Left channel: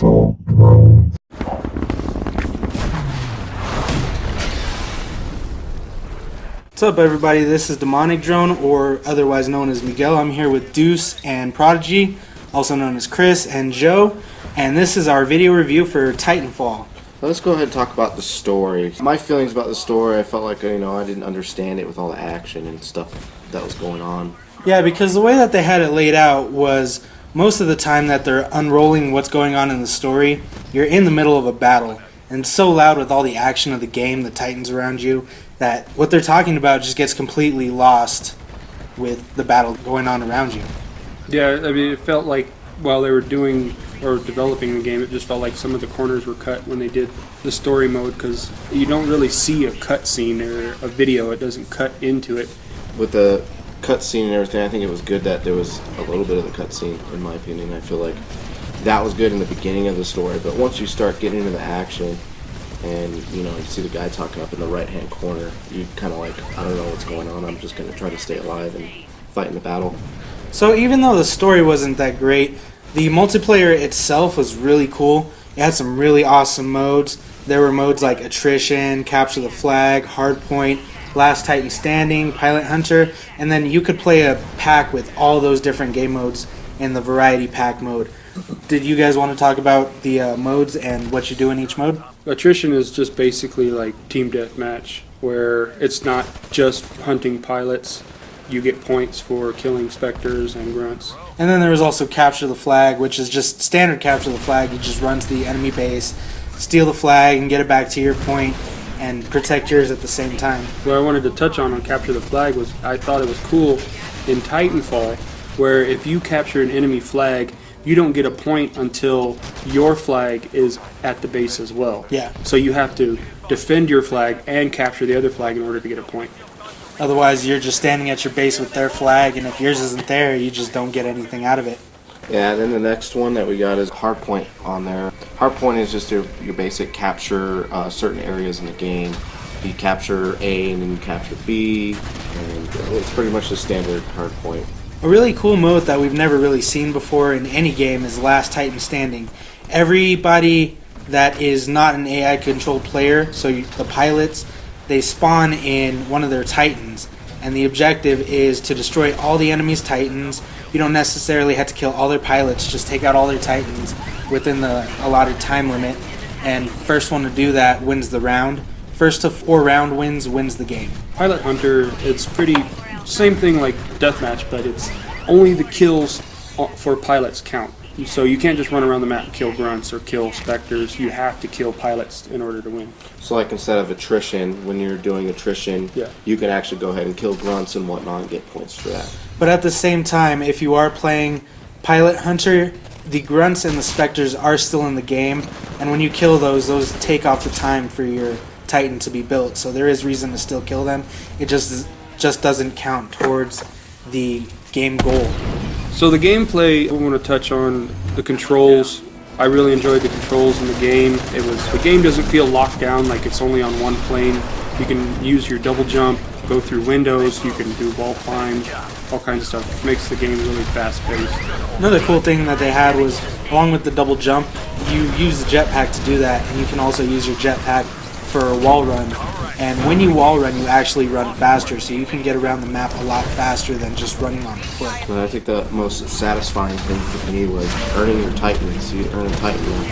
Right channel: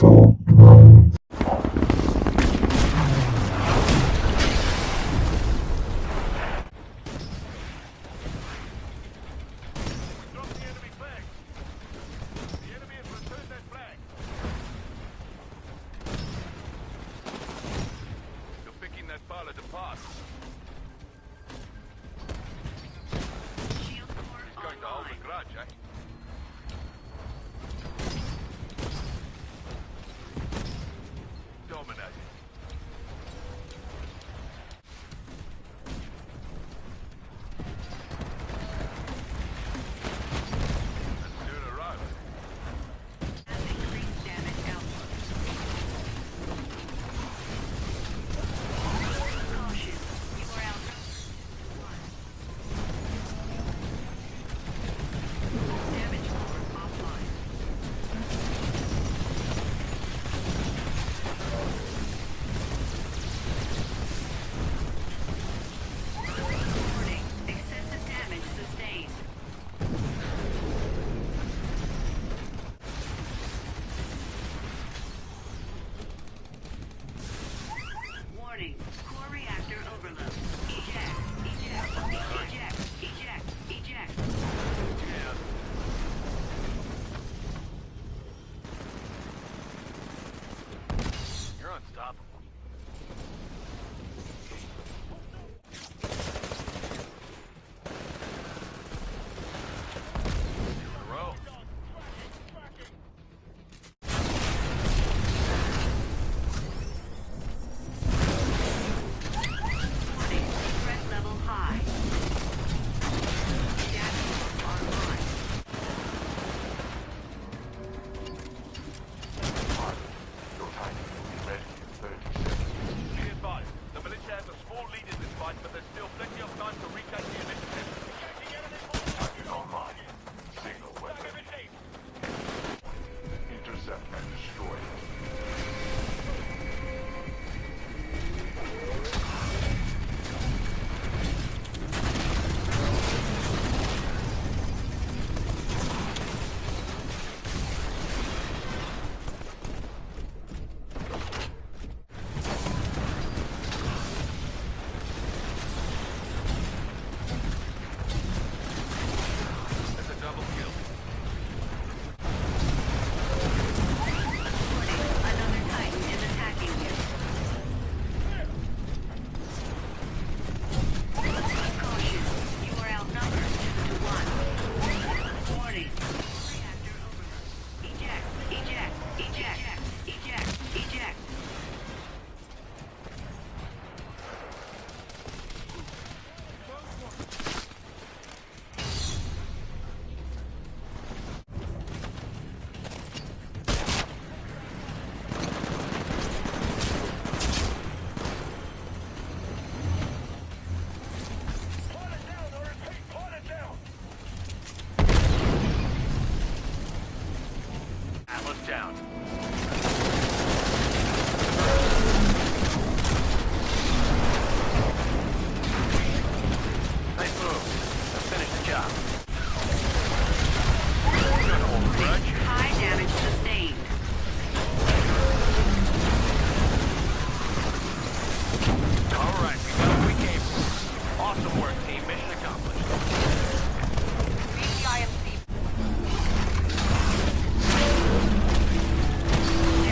What's up, everybody? This is Demonic Drone, or otherwise known as Miguel. I'm here with Deuce and Prodigy, also known as Chris and Joe, and this is our video review for Titanfall. Let's go ahead and talk about the story. My feelings about the story, I felt like, I didn't understand it with all the action and stuff that was going on. Yeah, because the way that they had it laid out was most of the time that they're unrolling what's going on in the story, you're in the middle of a battle. And it's so loud with all the action of the game, the Titans around you, that what they're talking about just gets completely lost with the battle going on around you. Yeah, I mean, it felt like while they were doing or developing the game, it just felt like some of the corners were cut when they did the story mode, because you don't really see a cutscene or a video. It doesn't cut into it. With the cutscene and everything, I think it was good that there was a little bit of a cutscene, in my opinion. I feel like that was good in the beginning of the story, but once you start getting into the action, and you see the guy talking up in the right-hand corner, you kind of like, I don't know what's going on, I'm just going to try to stay alive and fight in the battle. So even though the story wasn't that great, the multiplayer itself was really cool. It had some really awesome modes. There were modes like Attrition, Capture the Flag, Hardpoint, Last Titan Standing, Pilot Hunter, and then you could play a pack with all those different game modes in the Variety Pack mode. Did you guys want to talk about the modes and what you do in each mode? Attrition is just basically like team deathmatch, where it's not just hunting pilots. You get points for killing specters and grunts. And then there was also Capture the Flag, which is just standard Capture the Flag. You just run to the enemy base, steal the flag, and get it back to your point, and protect yours at the same time. What I wanted to touch on Capture the Flag was I thought it was cool in Titanfall, where if you capture an enemy flag, you don't get a point until your flag is at the base as well. Yeah. So you have to defend your flag and capture the other flag in order to get a point. Otherwise, you're just standing at your base with their flag, and if yours isn't there, you just don't get anything out of it. Yeah, and then the next one that we got is Hardpoint on there. Hardpoint is just your basic capture certain areas in the game. You capture A and then you capture B, and it's pretty much the standard Hardpoint. A really cool mode that we've never really seen before in any game is Last Titan Standing. Everybody that is not an AI-controlled player, so the pilots, they spawn in one of their Titans, and the objective is to destroy all the enemy's Titans. You don't necessarily have to kill all their pilots, just take out all their Titans within the allotted time limit, and first one to do that wins the round. First to 4 round wins the game. Pilot Hunter, it's pretty same thing like Deathmatch, but it's only the kills for pilots count. So you can't just run around the map and kill grunts or kill specters. You have to kill pilots in order to win. So like instead of Attrition, when you're doing Attrition, yeah, you can actually go ahead and kill grunts and whatnot and get points for that. But at the same time, if you are playing Pilot Hunter, the grunts and the specters are still in the game, and when you kill those take off the time for your Titan to be built. So there is reason to still kill them. It just doesn't count towards the game goal. So the gameplay, I want to touch on the controls. I really enjoyed the controls in the game. The game doesn't feel locked down like it's only on one plane. You can use your double jump, go through windows, you can do wall climb, all kinds of stuff. It makes the game really fast-paced. Another cool thing that they had was, along with the double jump, you use the jetpack to do that, and you can also use your jetpack for a wall run, and when you wall run, you actually run faster, so you can get around the map a lot faster than just running on foot. I think the most satisfying thing for me was earning your Titans. You earn Titans,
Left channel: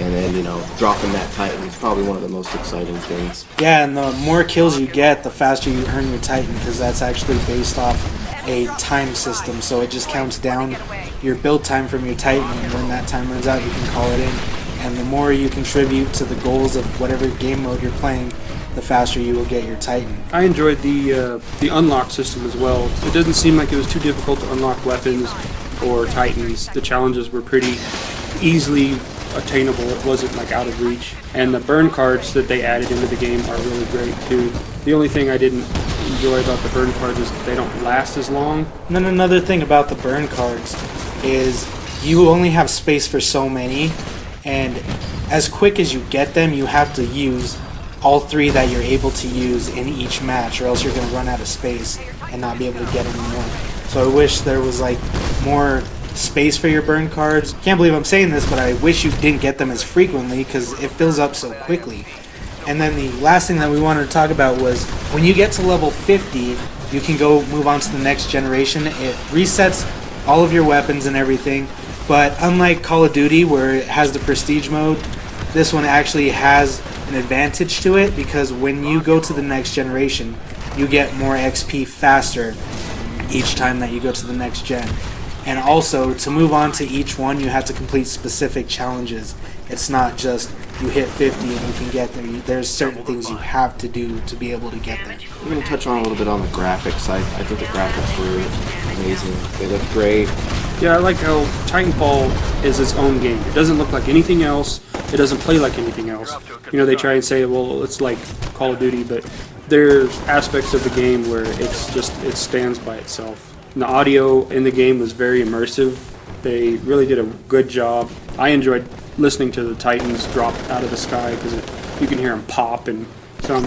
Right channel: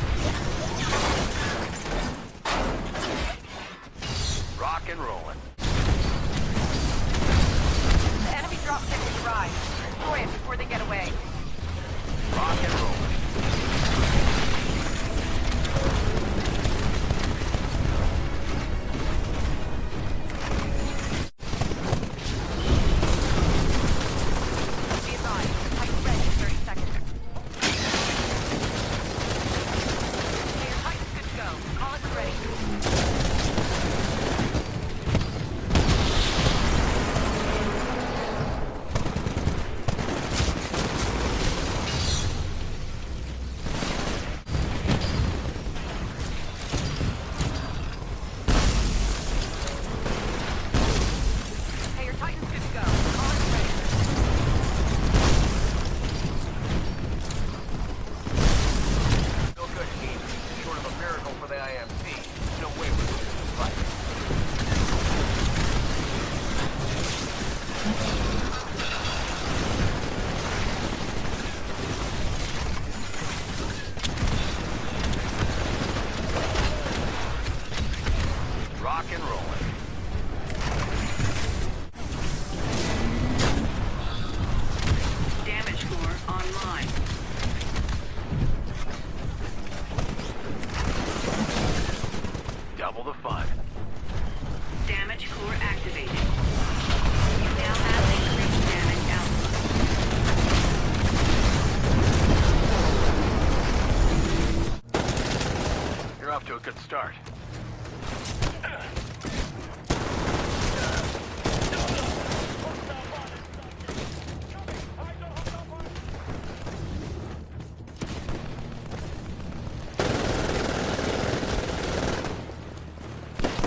and then dropping that Titan is probably one of the most exciting things. Yeah, and the more kills you get, the faster you earn your Titan, because that's actually based off a time system, so it just counts down your build time from your Titan, and when that time runs out, you can call it in. And the more you contribute to the goals of whatever game mode you're playing, the faster you will get your Titan. I enjoyed the unlock system as well. It doesn't seem like it was too difficult to unlock weapons or Titans. The challenges were pretty easily attainable. It wasn't like out of reach. And the burn cards that they added into the game are really great too. The only thing I didn't enjoy about the burn cards is that they don't last as long. And then another thing about the burn cards is you only have space for so many, and as quick as you get them, you have to use all 3 that you're able to use in each match, or else you're going to run out of space and not be able to get any more. So I wish there was like more space for your burn cards. Can't believe I'm saying this, but I wish you didn't get them as frequently because it fills up so quickly. And then the last thing that we wanted to talk about was when you get to level 50, you can go move on to the next generation. It resets all of your weapons and everything, but unlike Call of Duty where it has the prestige mode, this one actually has an advantage to it because when you go to the next generation, you get more XP faster each time that you go to the next gen. And also, to move on to each one, you have to complete specific challenges. It's not just you hit 50 and you can get them. There's certain things you have to do to be able to get them. We're going to touch on a little bit on the graphics. I think the graphics are amazing. They look great. Yeah, I like how Titanfall is its own game. It doesn't look like anything else. It doesn't play like anything else. You know, they try and say, well, it's like Call of Duty, but there are aspects of the game where it stands by itself. And the audio in the game was very immersive. They really did a good job. I enjoyed listening to the Titans drop out of the sky because you can hear them pop and come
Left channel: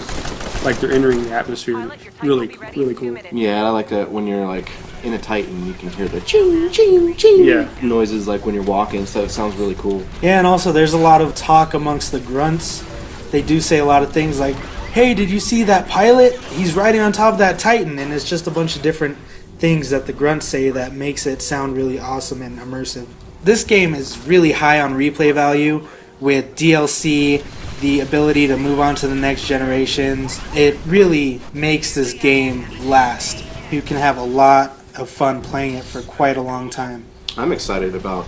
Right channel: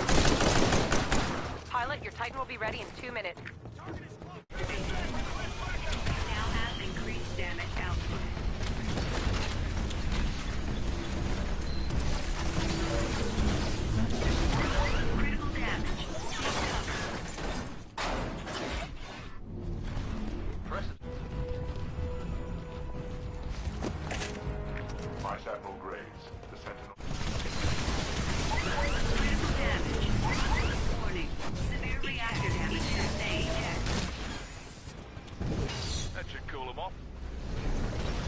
like they're entering the atmosphere. Really cool. Yeah, I like that when you're like in a Titan, you can hear the ching, ching, ching noises like when you're walking, so it sounds really cool. Yeah, and also there's a lot of talk amongst the grunts. They do say a lot of things like, hey, did you see that pilot? He's riding on top of that Titan, and it's just a bunch of different things that the grunts say that makes it sound really awesome and immersive. This game is really high on replay value with DLC, the ability to move on to the next generations. It really makes this game last. You can have a lot of fun playing it for quite a long time. I'm excited about,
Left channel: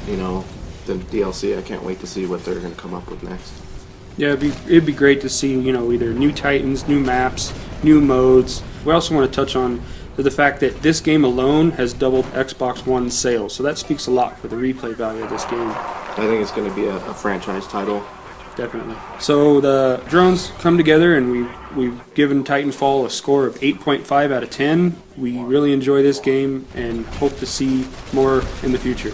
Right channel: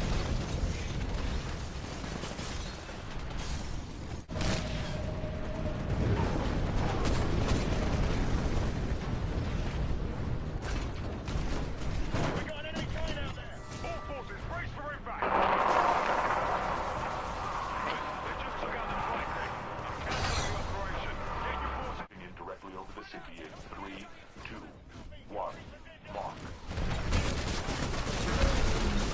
the DLC. I can't wait to see what they're going to come up with next. Yeah, it'd be great to see, either new Titans, new maps, new modes. We also want to touch on the fact that this game alone has doubled Xbox One sales, so that speaks a lot for the replay value of this game. I think it's going to be a franchise title. Definitely. So the drones come together, and we've given Titanfall a score of 8.5 out of 10. We really enjoy this game and hope to see more in the future.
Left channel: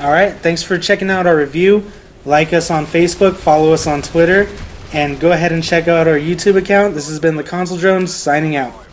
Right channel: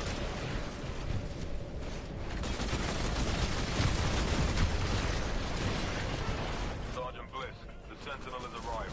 All right, thanks for checking out our review. Like us on Facebook, follow us on Twitter, and go ahead and check out our YouTube account. This has been the Console Drones signing out.